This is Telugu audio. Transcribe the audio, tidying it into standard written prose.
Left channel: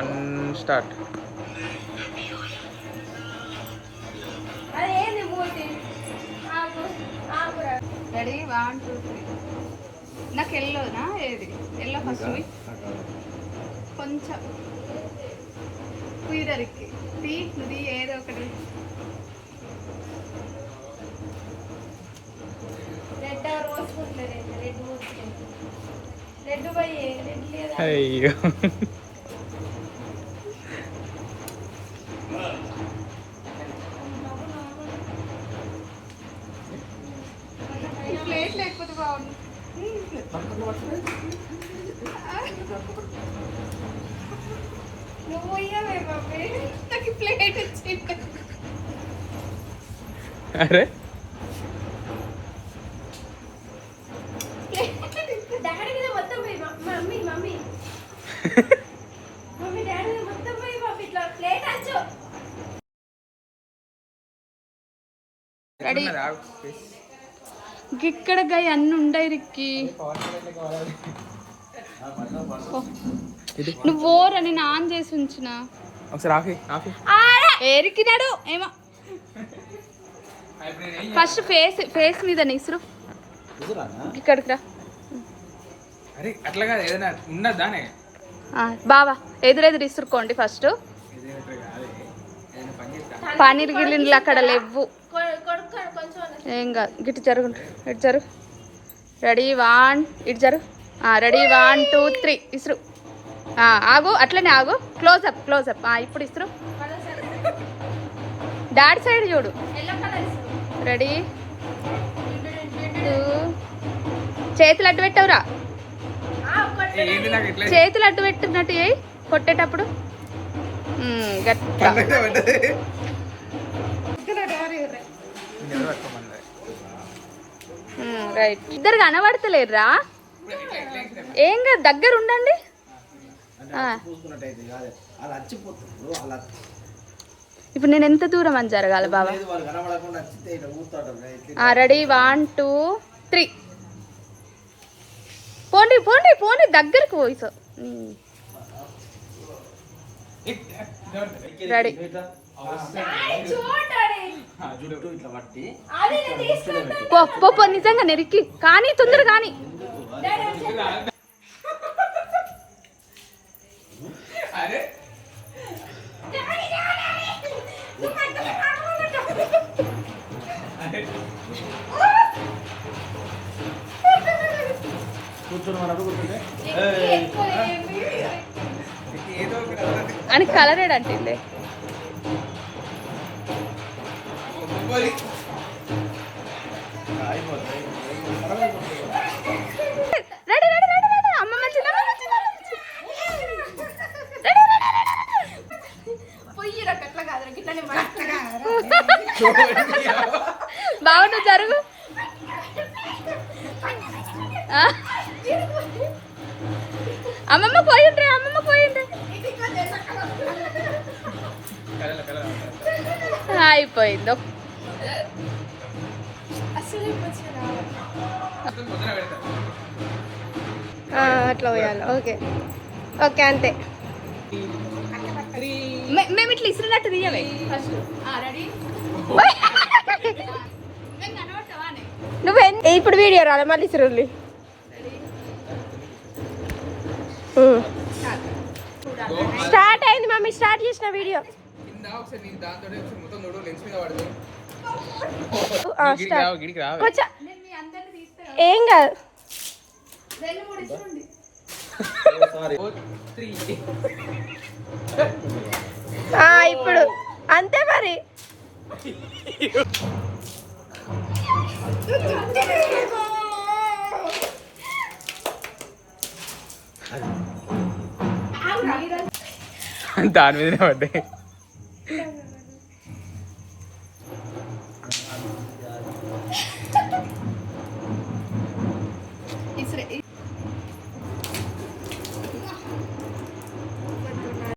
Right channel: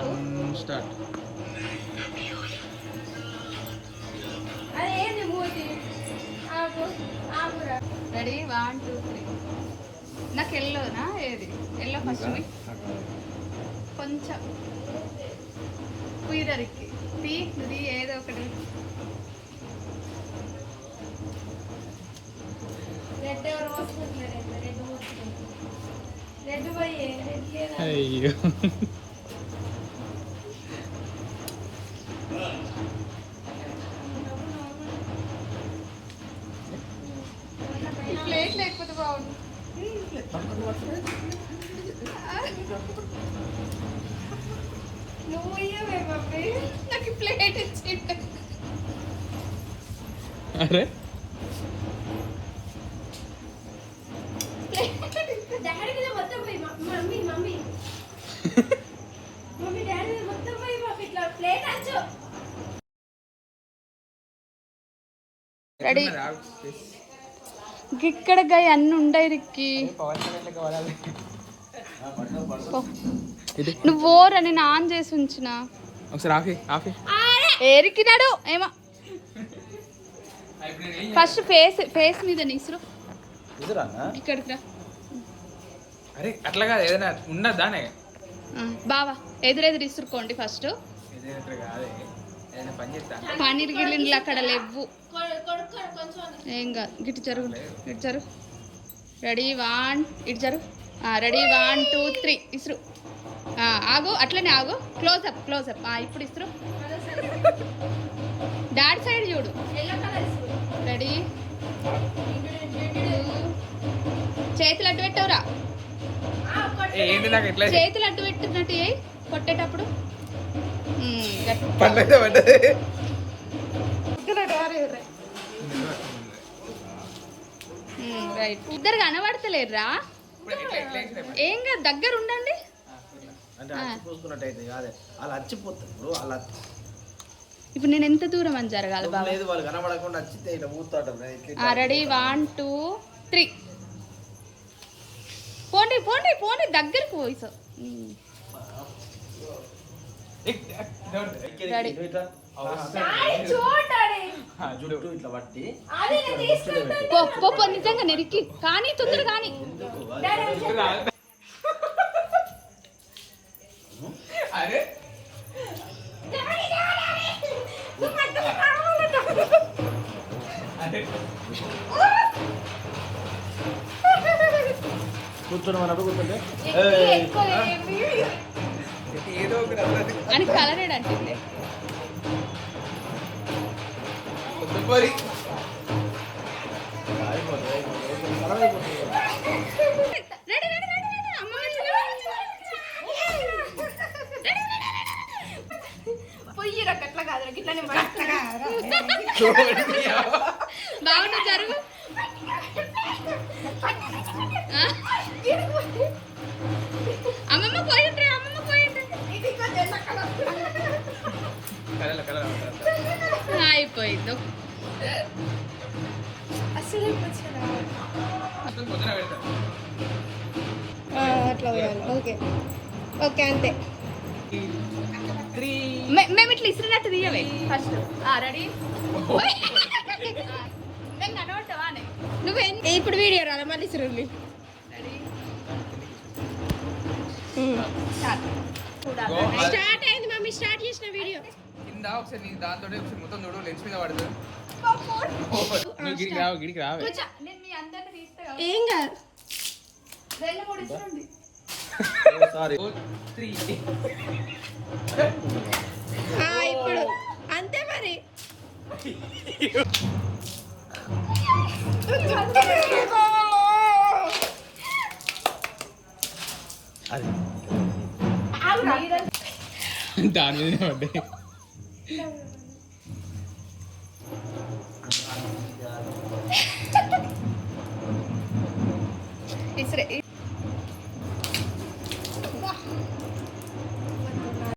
1 స్టార్ట్. రెడీ 1 2 3. నాకు ఎల్లోనా ఏది ఎల్లో ఫస్ట్ కొంచెం కుయిదరికి నుది ఏదో ఒకటి. అయ్యో ప్లేట్ లేకపోతే బాగుంది. నాకు ప్లేట్ ఇచ్చింది. అరే రెడీ ఇక్కడ గాయ అన్ని ఉండయి రిక్కి. నువ్వు ఓరని నాన్ చేసి ఉంచిన ఏరికినాడు ఏమో. ఫస్ట్ ఫేస్ మీద నిసురు ఇక్కడికి రా. అరే అట్లా కాదు, ఏదైనా ఉన్నదానే బావా ఎదురెదురు ఇసురుకోండి ఫస్ట్. పన్నీర్ గిల్లిండ్లు అక్కడ లేవు. ఏం కాదు గిట్టు జరుగుంటు ఇటు జరుగు. రెడీ 1 ఇటు జరుగు. రెడీ 1 2 3 ఇసురు. ఆగు అట్లనే ఆగు. క్లోజప్ ఇప్పుడు ఇసురు. డాడీ సైడ్ చూడు. రెడీ 2. చేతులు అడ్డు పెట్టవురా. చేతులు అడ్డు పెట్టినట్టు కొట్టేటప్పుడు రైట్. ఇద్దరు కనబడతలేరురా. ఏం కాదు దగ్గర ఉండండి. ఇప్పుడు నేను ఎంత దూరం అని జరగాలి బాబా? రెడీ 1 2 3. పోండి పోండి పోండి దగ్గరకు పోయి. రెడీ నిజంగా నెరికి కానీ తొందర కానీ. అని కలరేడంటే బాగుండు జరుగు. అమ్మమ్మ పోయిండ్రే అయిపోయింది. అట్లా పోయాలి. ఓకే ఓకే అంతే. మేము ఇట్లా ఇసిరినట్టు తీయవే ఫస్ట్. రెడీ నువ్వే ఇప్పుడు వీడియో రాలే మళ్ళీ ఇసురుల్లి. స్టార్ట్ అయింది మమ్మీ. స్టార్ట్ చేసిన వీడియో ఏం కాదు. ఇప్పుడు అంతే మరి. దాని మీదనే పడ్డాయి.